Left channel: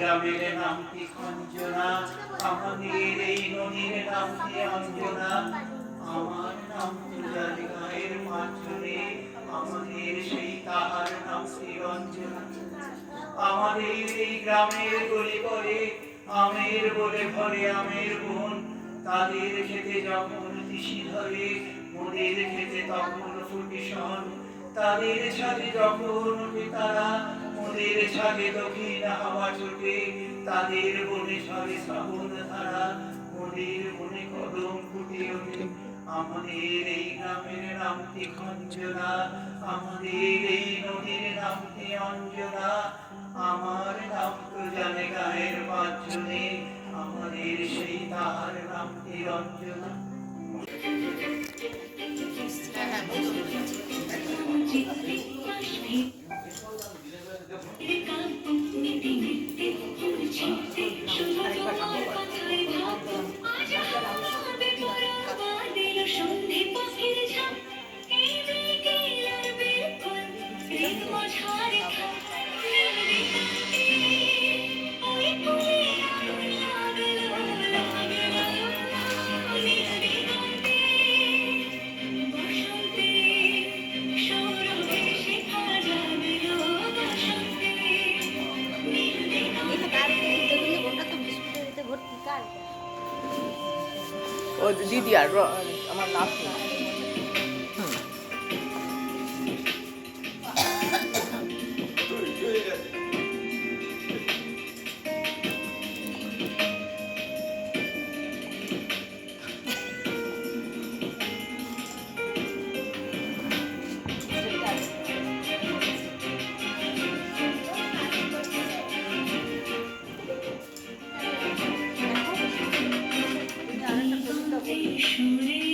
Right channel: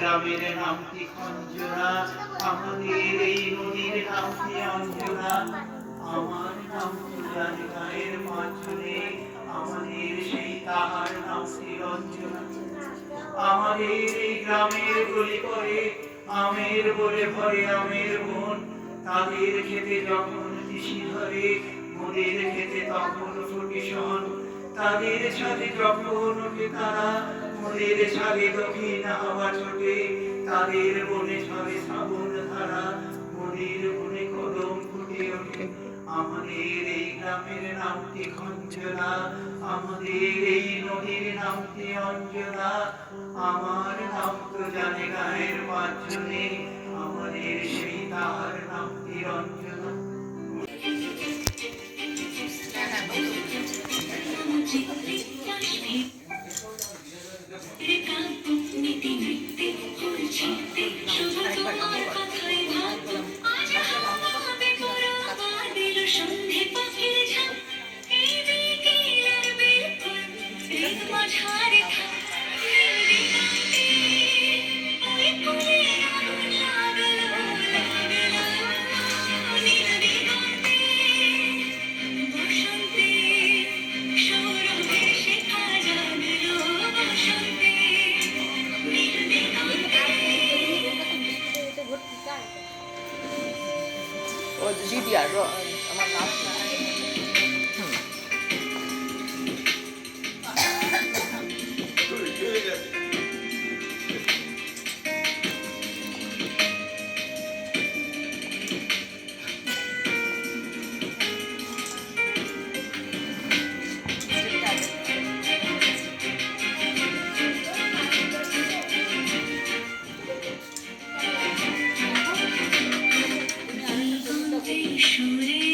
গ্রামের নামটি খঞ্জনা, আমাদের এই নদীর নামটি অঞ্জনা। আমার নাম জানি গায়ের পাঁচজনে, আমাদের সেই তাহার নাম শ্রীরঞ্জনা। আমাদের এই গ্রামের গলি পরে আমের বলে ভরে আমের বন, তাদের খেতে যখন তিসি ধরে মোদের খেতে তখন ফুটি শন। তাদের ছাদে যখন উঠে তারা মোদের ছাদে দক্ষিণ হাওয়া ছোটে, তাদের বনে ছড়ে শ্রাবণ ধারা, মোদের বনে কদম ফুটে ওঠে। আমাদের এই গ্রামের নামটি খঞ্জনা, আমাদের এই নদীর নামটি অঞ্জনা। আমার নাম তো জানে গায়ের পাঁচজনে, আমাদের সেই তাহার নামটি অঞ্জনা। দিদি আর আমার নাম সুরে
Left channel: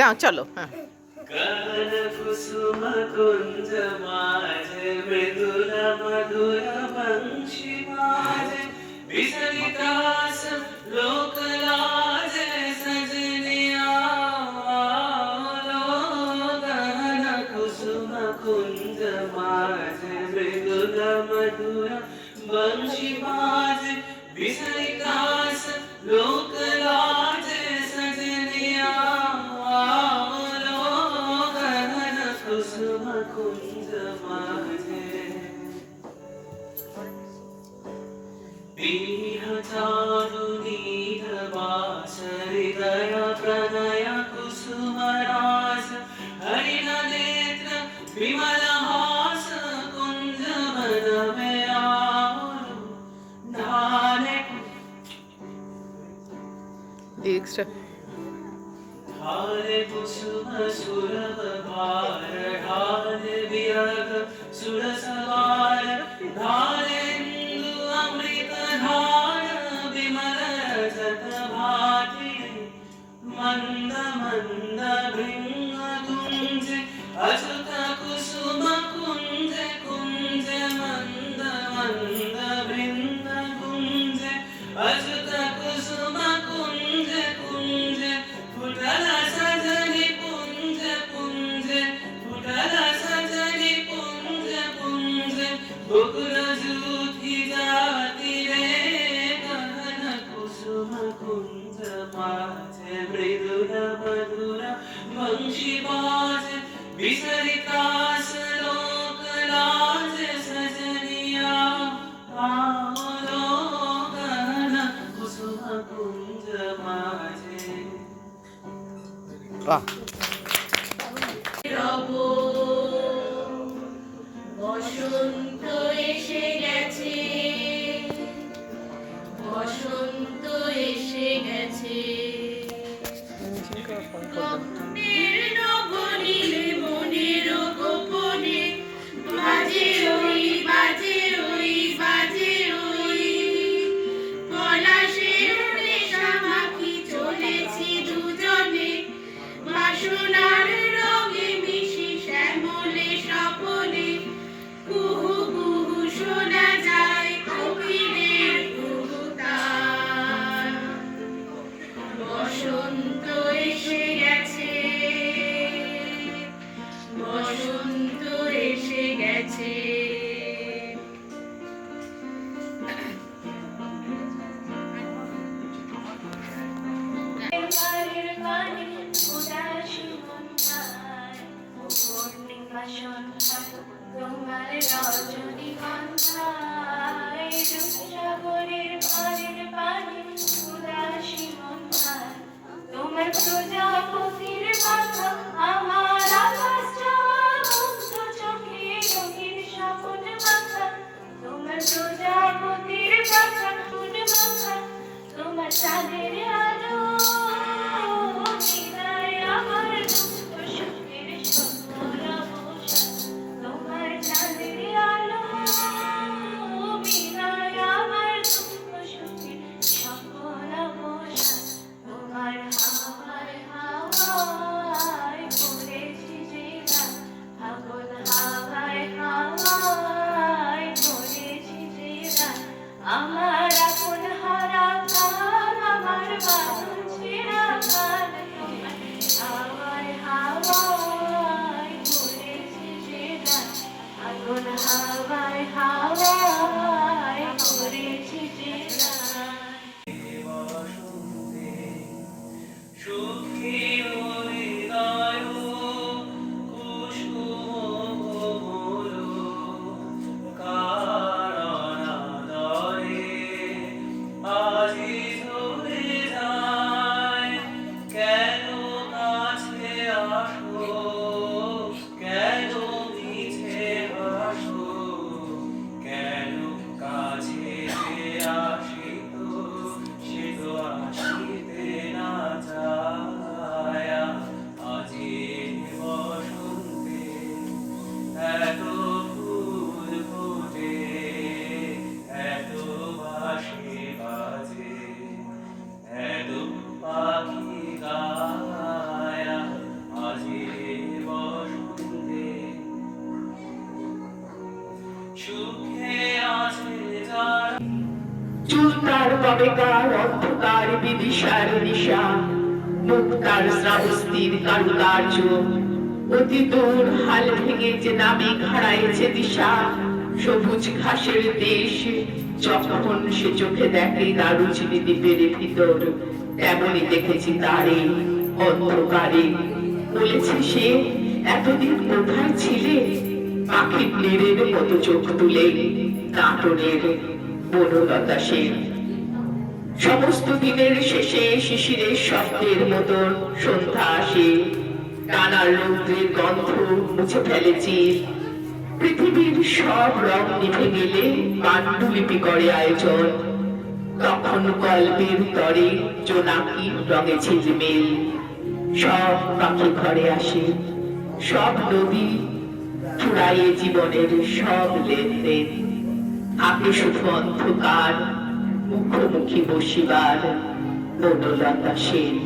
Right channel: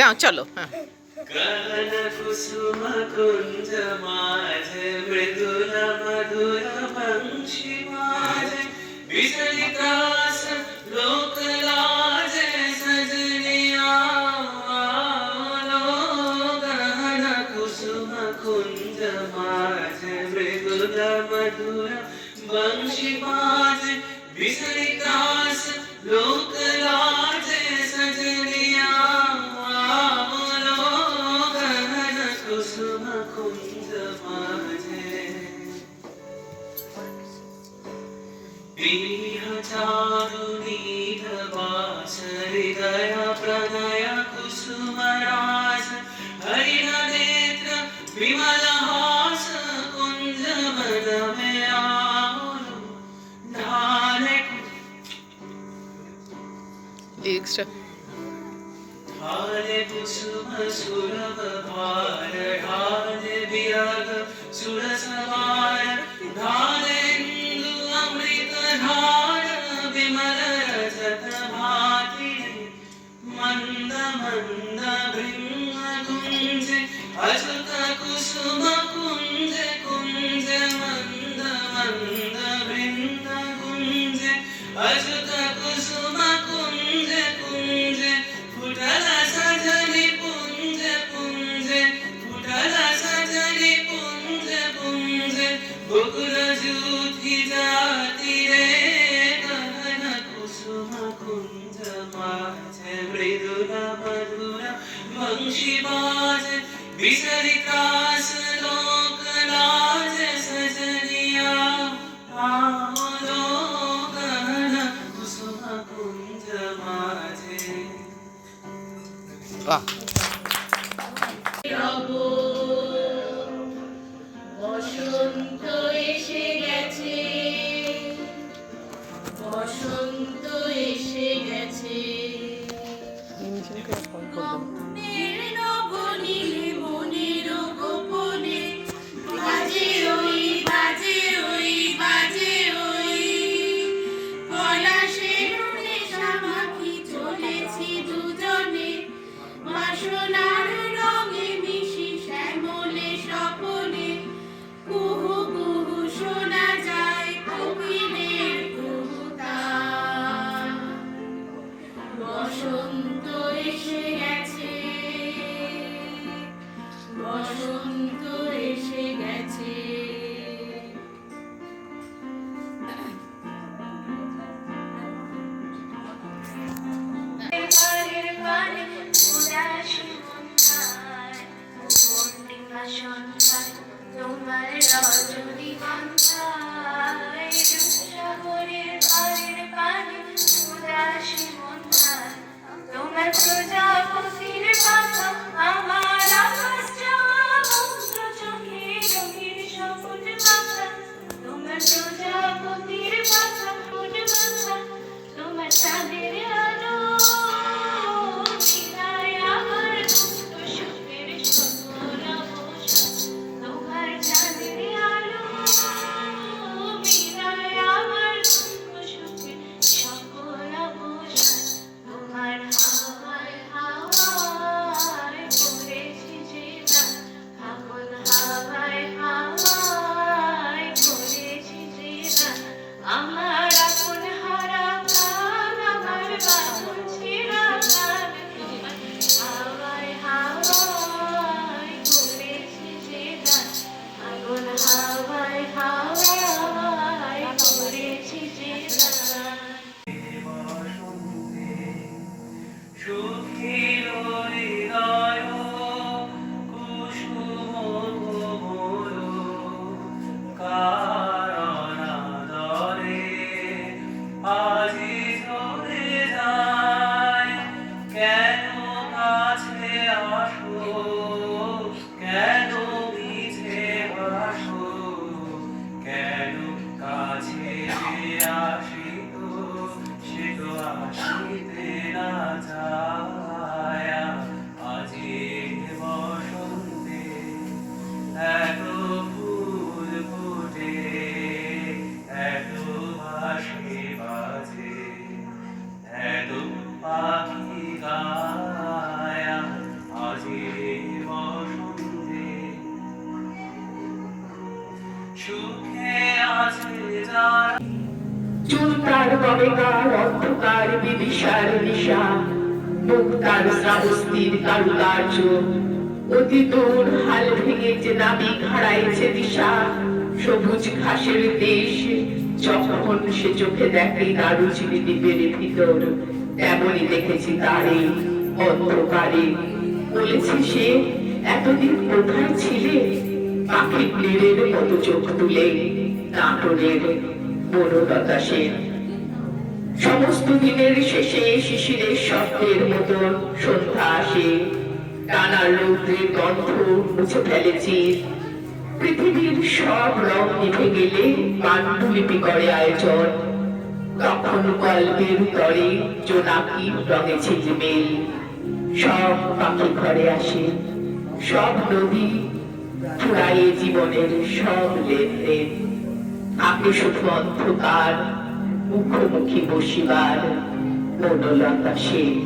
দাও চলো হ্যাঁ गगन कुसुम कुंज माझ मृदुल मधुर वंशी माझ विचलितास लोक लाज सजनिया गगन कुसुम कुंज माझ मृदुल मधुर वंशी माझ विचलितास लोक लाज सजनिया कुसुम कुंज माझे पीह चारु नील बास हृदय प्रणय कुसुम रास हरिण नेत्र विमल हास कुंज मन में आरु ढाले লিরিক্সটা ढाले कुसुम सुरभ भार ढाले विरग सुर सवार ढाले इंदु अमृत धार विमल रजत भाति मंद मंद भृंग कुंज अच्युत कुसुम कुंज कुंज मंद मंद भृंग कुंज अच्युत कुसुम कुंज कुंज फुटल सजनी पुंज पुंज फुटल सजनी पुंज पुंज बकुल जूथी जाती रे गगन कुसुम कुंज माझ मृदुल मधुर वंशी बाज विचलितास लोक लाज सजनिया आवलो गगन कुसुम कुंज माझे বাহ রব বসন্ত এসে গেছে বসন্ত এসে গেছে মনের নবনীলে মনের গোপনে বাজে ওই বাজে ওই বাজে ওই পলাশের নেশামাখি চলেছি দুজনে বাসনার রঙে মিশি শ্যামলে স্বপনে কুহু কুহু শোনা যায় কোকিলের কুহুতান বসন্ত এসে গেছে বসন্ত এসে গেছে তোমার রজনীগন্ধায় সাগরের পাড়ের পানে উদাসী মন্থায় তোমার প্রজাপতির পাখা আমার আকাশ যাওয়া মুগ্ধ চোখে রঙিন সামুদ পাখা তোমার প্রজাপতির পাখা মুড পাখা তোমার চাঁদের আলো মিলায় আমার মুক্ত সুখের সকল অবসান তোমার চাঁদের আলো মিলায় আমার মুক্ত সুখের সকল অবসান তোমার হাওয়ায় গার অন্ধকার বিদিশার নিশা, মুক্তার শ্রাবস্তির কারুকার্য, অতি দূর হাল ভেঙেছে নাবিক হারাইছে দিশা। সবুজ ঘাসের দেশ যখন সে চোখে দেখে দারুচিনি দ্বীপের ভিতর, তেমনই দেখেছি তারে অন্ধকারে। বলেছে সে, এতদিন কোথায় ছিলে? পাখি প্লেরের মতো চোখ তুলে নাটনের বনলতা সেন। সমস্ত দিনের শেষে শিশিরের শব্দের মতন সন্ধ্যা আসে, টানার রৌদ্রের গন্ধ মুছে ফেলেছি। পৃথিবীর সব রং নিভে গেলে পাণ্ডুলিপি করে আয়োজন, তখন গল্পের তরে জোনাকি রঙে ঝিলমিল। সব পাখি ঘরে আসে, সব নদী ফুরায়ে জীবনের সব লেনদেন। থাকে শুধু অন্ধকার, মুখোমুখি বসিবার বনলতা সেন।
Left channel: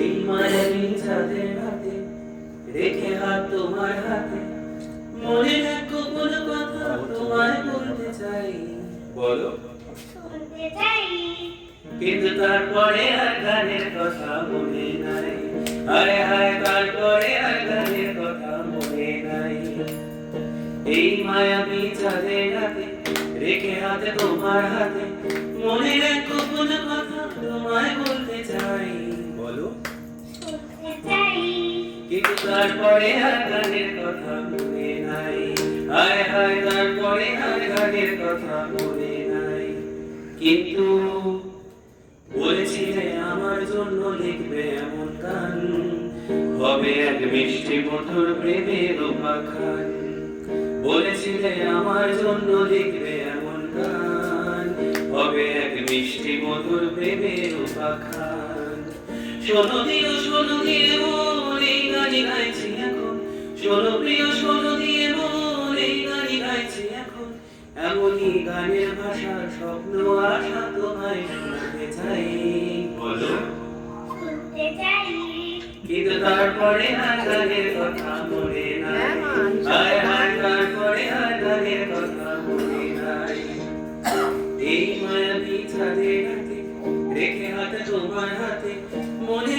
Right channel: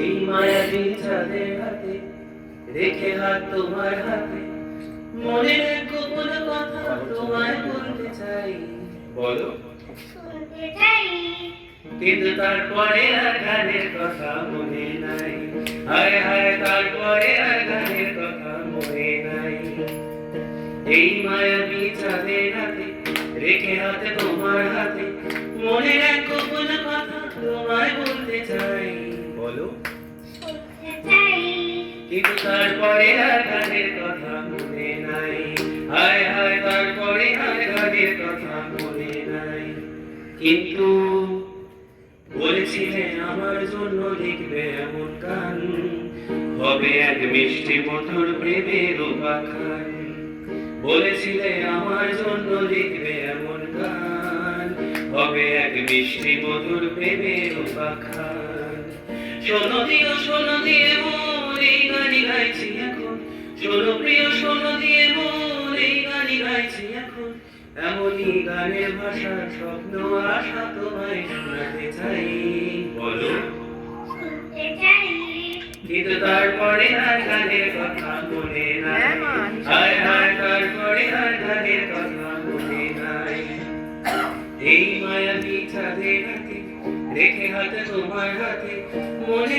এই মায়াবী চাঁদের হাতে রেখে হাত তোমার হাতে, মনের এক গোপন কথা তোমায় বলতে চাই। বলো। শুনতে চাই, কিন্তু তারপরে আর গানের কথা মনে নাই। হায় হায়, তারপরে আর গানের কথা মনে নাই। এই মায়াবী চাঁদের হাতে রেখে হাত তোমার হাতে, মনের এক গোপন কথা তোমায় বলতে চাই। বলো। শুনতে চাই, কিন্তু তারপরে আর গানের কথা মনে নাই। হায় হায়, তারপরে আর গানের কথা মনে নাই। কিন্তু বলেছিলে আমার জন্য লিখবে এমন গান, হবে এক মিষ্টি মধুর প্রেমের উপাখ্যান। বলেছিলে আমার জন্য লিখবে এমন গান, হবে এক মিষ্টি মধুর প্রেমের উপাখ্যান। শোনো দিও শোনো দিয়ে মন এই গানই গাইছি এখন, শোনো প্রিয় শোনো দিয়ে মন এই গানই গাইছি এখন। এমনই গানের ভাষার স্বপ্ন আশা তোমায় শোনাতে চাই। বলো। শুনতে চাই, কিন্তু তারপরে আর গানের কথা মনে নাই। হায় হায়, তারপরে আর গানের কথা মনে নাই। এই মায়াবী চাঁদের হাতে রেখে হাতে তোমার হাতে, মনে